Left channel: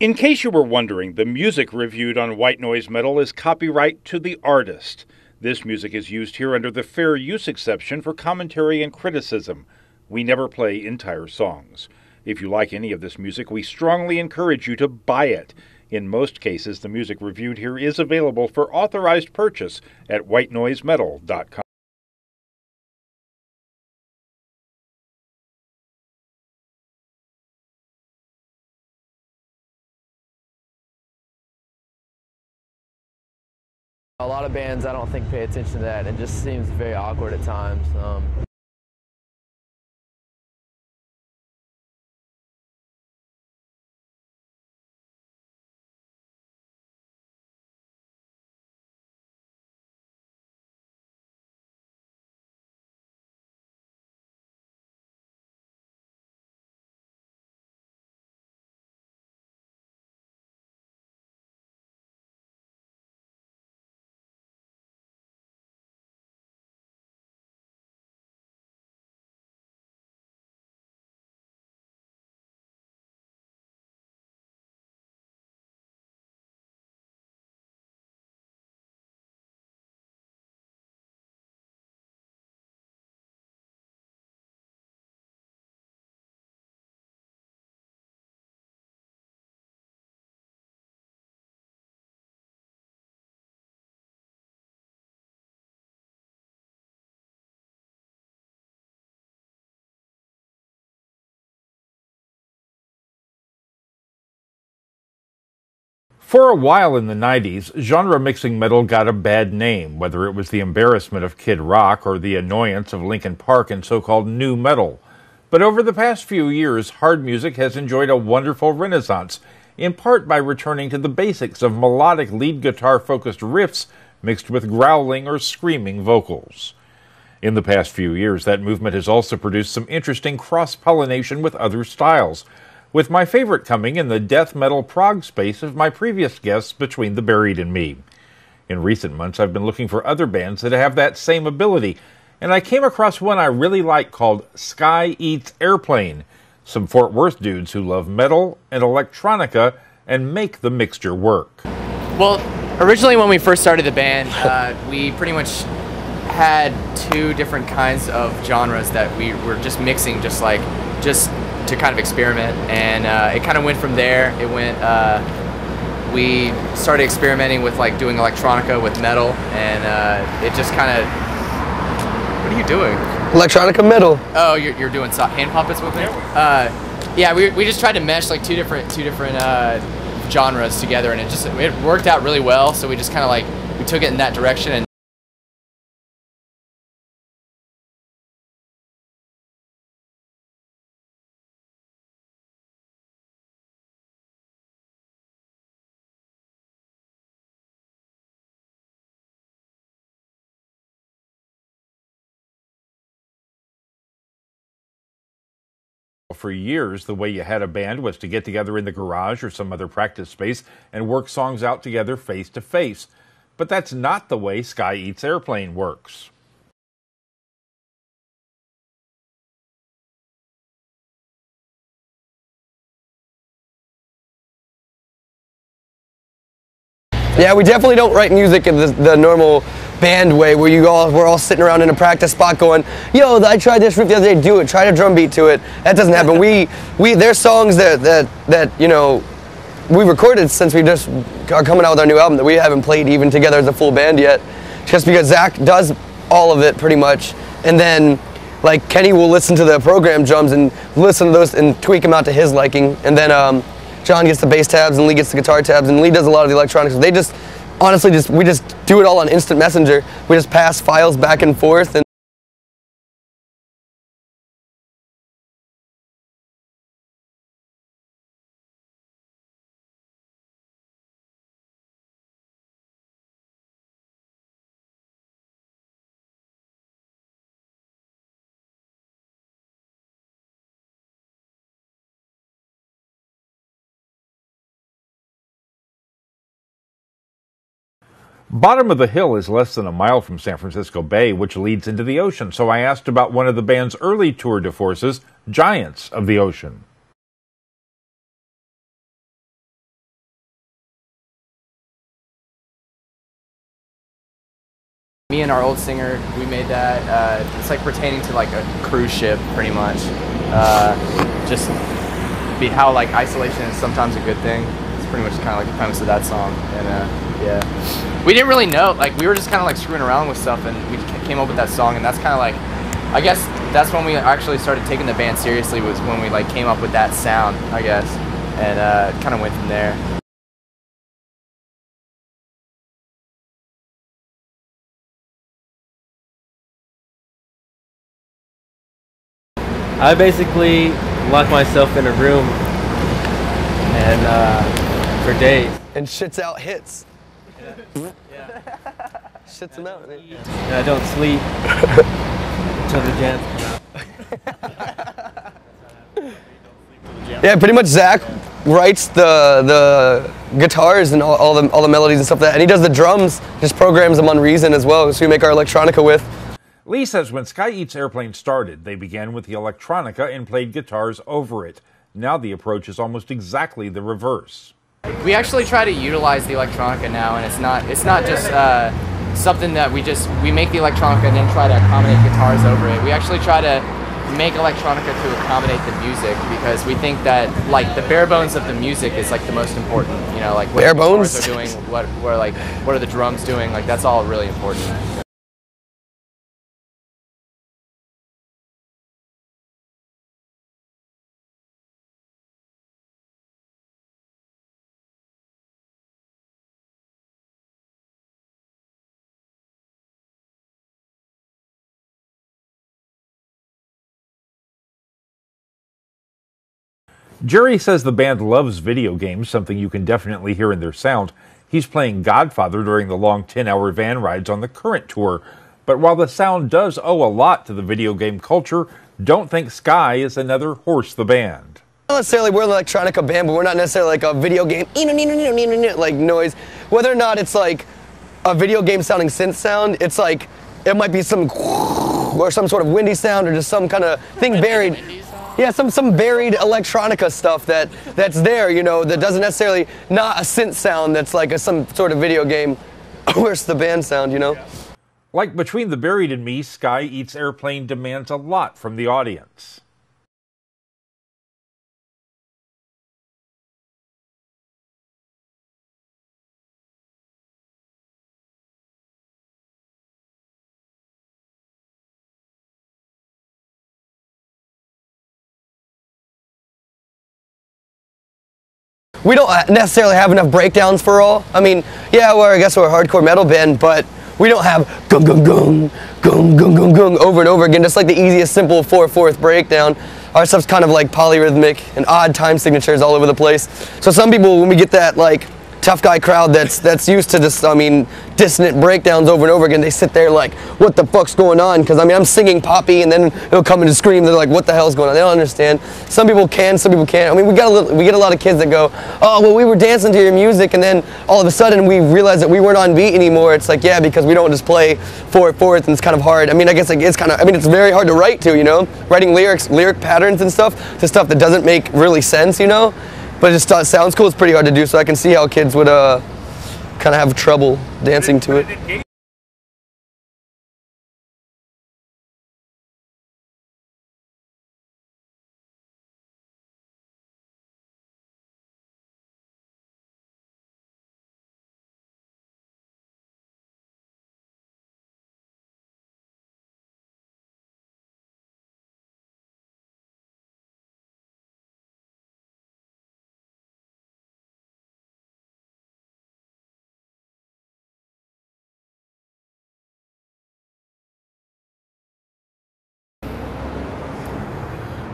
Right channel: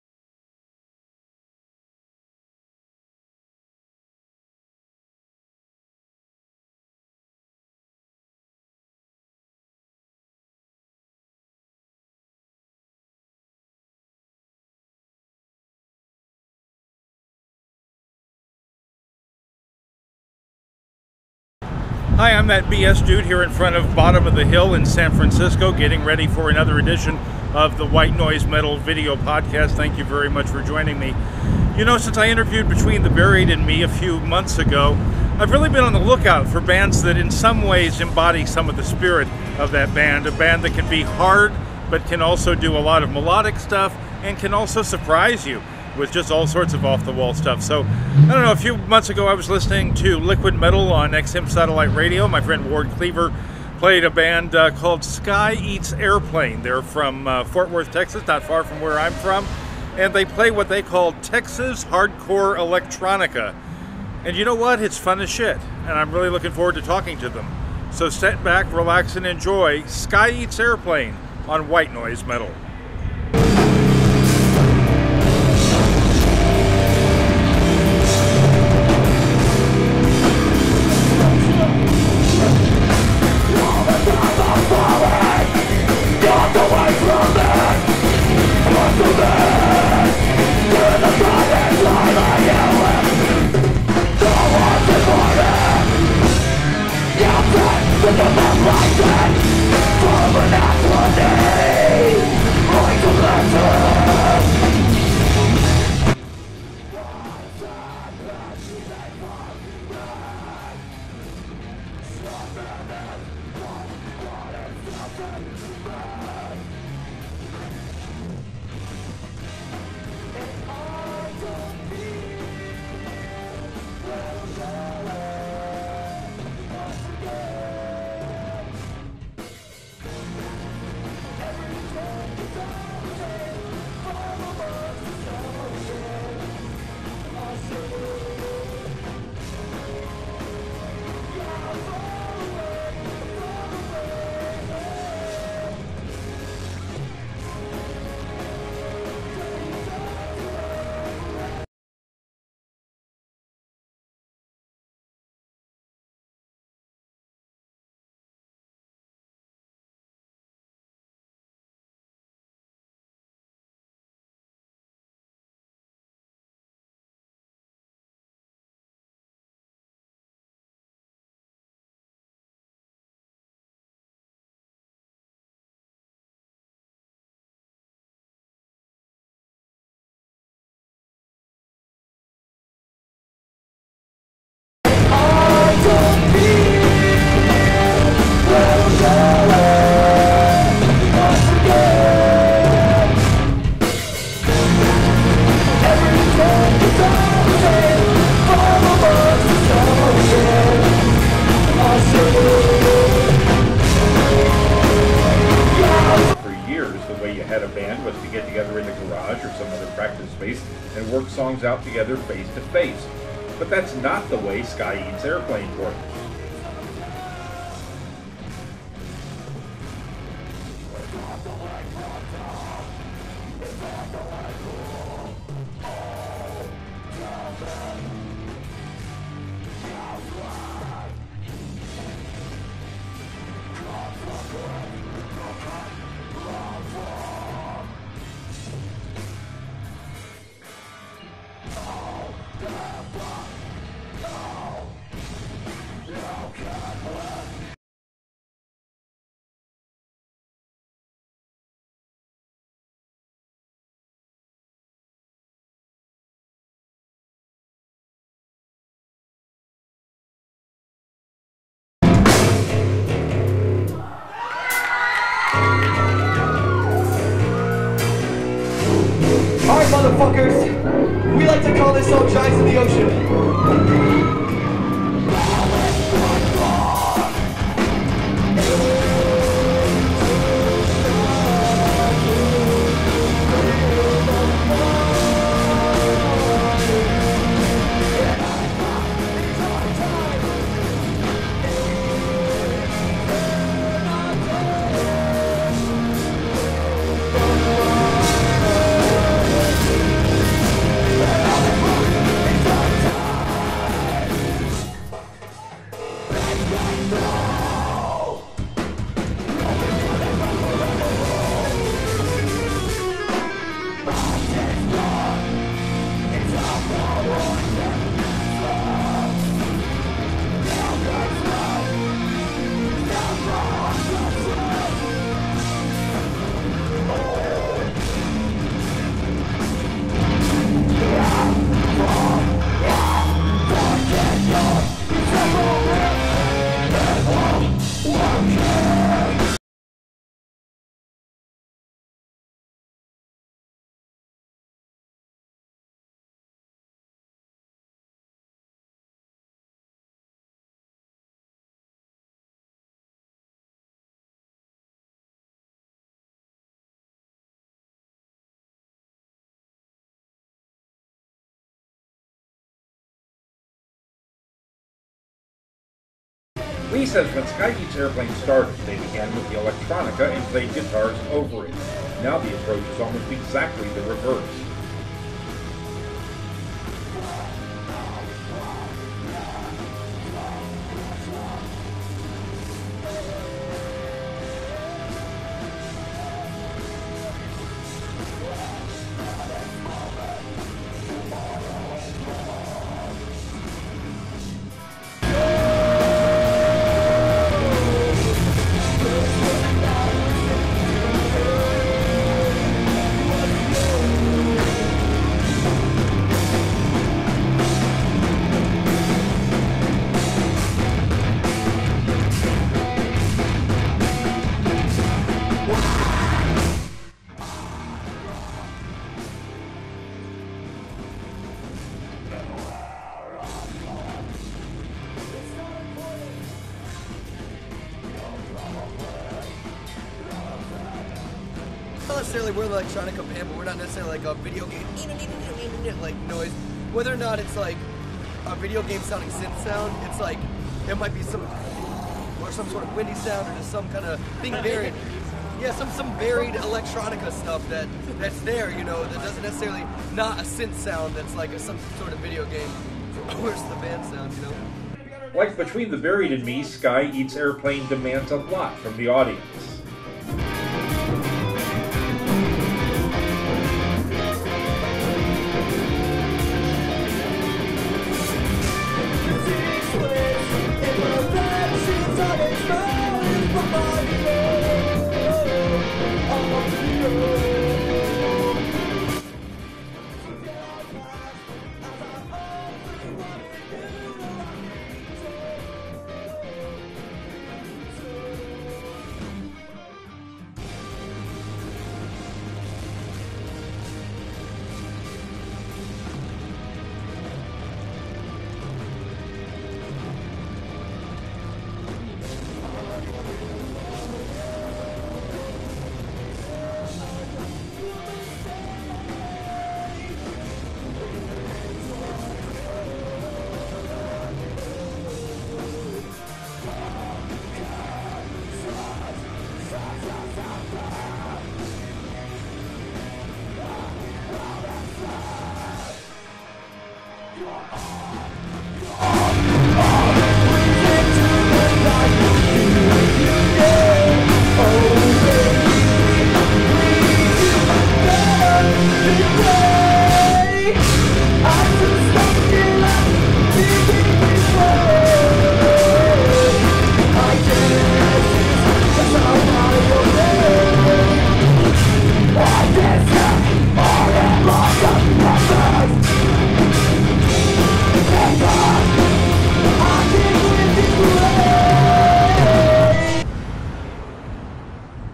In case you were wondering, the music reviewed on White Noise Metal is copyright to the artist. This music is used here under the fair use exception for commentary and criticism. We never play entire songs. If you like any of this music, we strongly encourage you to buy it. In most cases, the music reviewed here is available for authorized purchase at whitenoisemetal.com. Hi, I'm that BS dude here in front of Bottom of the Hill in San Francisco, getting ready for another edition of the White Noise Metal video podcast. Thank you very much for joining me. You know, since I interviewed Between the Buried and Me a few months ago, I've really been on the lookout for bands that in some ways embody some of the spirit of that band. A band that can be hard, but can also do a lot of melodic stuff and can also surprise you with just all sorts of off-the-wall stuff. So, I don't know, a few months ago I was listening to Liquid Metal on XM Satellite Radio. My friend Ward Cleaver played a band called Sky Eats Airplane. They're from Fort Worth, Texas, not far from where I'm from. And they play what they call Texas hardcore electronica. And you know what? It's fun as shit. And I'm really looking forward to talking to them. So sit back, relax, and enjoy Sky Eats Airplane on White Noise Metal. For a while in the 90s, genre mixing metal got a bad name, whether it was the embarrassment of Kid Rock or the annoyance of Linkin Park and so-called nu metal. But over the past few years, hard music has enjoyed a wonderful renaissance, in part by returning to the basics of melodic lead guitar-focused riffs mixed with growling or screaming vocals. In the past few years, that movement has also produced some interesting cross-pollination with other styles, with my favorite coming in the death metal prog space of my previous guests Between the Buried and Me. In recent months, I've been looking for other bands that have that same ability, and I came across one I really like called Sky Eats Airplane, some Fort Worth dudes who love metal and electronica and make the mixture work. Well, originally when we first started the band, we pretty much had two different kinds of genres that we were just mixing, just to kind of experiment, and it kind of went from there. It went, we started experimenting with like doing electronica with metal, and it just kind of, what are you doing? Electronica metal. Oh, you're doing hand puppets with me? Yeah, we just tried to mesh like two different genres together, and it worked out really well, so we just kind of like, we took it in that direction. And For years, the way you had a band was to get together in the garage or some other practice space and work songs out together face to face. But that's not the way Sky Eats Airplane works. Yeah, we definitely don't write music in the normal band way where we're all sitting around in a practice spot going, yo, I tried this riff the other day, do it, try to drum beat to it. That doesn't happen. There's songs that you know, we recorded since we just are coming out with our new album that we haven't played even together as a full band yet, just because Zach does all of it pretty much, and then like Kenny will listen to the program drums and listen to those and tweak them out to his liking, and then John gets the bass tabs and Lee gets the guitar tabs, and Lee does a lot of the electronics. They just honestly we just do it all on instant messenger. We just pass files back and forth. And all right, motherfuckers, we like to call this song Giants in the Ocean. Bottom of the Hill is less than a mile from San Francisco Bay, which leads into the ocean, so I asked about one of the band's early tour de forces, Giants of the Ocean. me and our old singer, we made that. It's like pertaining to like a cruise ship, pretty much. Just be how like isolation is sometimes a good thing. It's pretty much kind of like the premise of that song. And, yeah, we didn't really know. Like we were just kind of like screwing around with stuff, and we came up with that song. And that's kind of like, I guess that's when we actually started taking the band seriously. Was when we like came up with that sound, I guess, and kind of went from there. I basically lock myself in a room and for days. And shits out hits. Yeah. Shits them out. And I don't sleep until the jams come out. Yeah, pretty much Zach writes the guitars and all the melodies and stuff like that, and he does the drums, just programs them on Reason as well, so we make our electronica with. Lee says when Sky Eats Airplane started, they began with the electronica and played guitars over it. Now the approach is almost exactly the reverse. We actually try to utilize the electronica now, and it's not just something that we make the electronica and then try to accommodate guitars over it. We actually try to make electronica to accommodate the music, because we think that like the bare bones of the music is like the most important. You know, like what bare the bones guitars are doing, what are the drums doing? Like that's all really important. Jerry says the band loves video games, something you can definitely hear in their sound. He's playing Godfather during the long 10-hour van rides on the current tour. But while the sound does owe a lot to the video game culture, don't think Sky is another Horse the Band. Not necessarily we're an electronica band, but we're not necessarily like a video game like noise. Whether or not it's like a video game sounding synth sound, it's like it might be some or some sort of windy sound or just some kind of thing buried. Yeah, some buried electronica stuff that's there, you know, that doesn't necessarily, not a synth sound that's like some sort of video game Horse the Band sound, you know? Like Between the Buried and Me, Sky Eats Airplane demands a lot from the audience. We don't necessarily have enough breakdowns for all. I mean, yeah, well, I guess we're a hardcore metal band, but we don't have gung gung gung, gung gung gung gung over and over again, just like the easiest simple 4/4 breakdown. Our stuff's kind of like polyrhythmic and odd time signatures all over the place. So some people, when we get that like tough guy crowd that's used to just, I mean, dissonant breakdowns over and over again, they sit there like, what the fuck's going on? Because I mean, I'm singing Poppy and then they'll come in and scream. They're like, what the hell's going on? They don't understand. Some people can, some people can't. I mean, we get a lot of kids that go, oh, well, we were dancing to your music, and then all of a sudden we realized that we weren't on beat anymore. It's like, yeah, because we don't just play 4/4, and it's kind of hard. I mean, I guess like, it's very hard to write to, you know? Writing lyric patterns and stuff to stuff that doesn't make really sense, you know? But it just sounds cool. It's pretty hard to do, so I can see how kids would kind of have trouble dancing to it.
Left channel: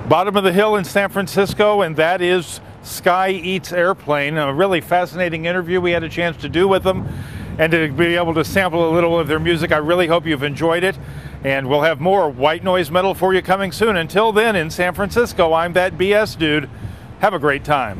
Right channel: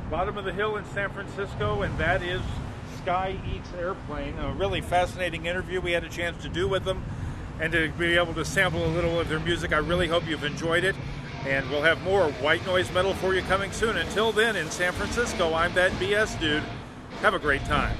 Bottom of the hill in San Francisco, and that is Sky Eats Airplane. A really fascinating interview we had a chance to do with them, and to be able to sample a little of their music. I really hope you've enjoyed it, and we'll have more white noise metal for you coming soon. Until then, in San Francisco, I'm that BS dude. Have a great time.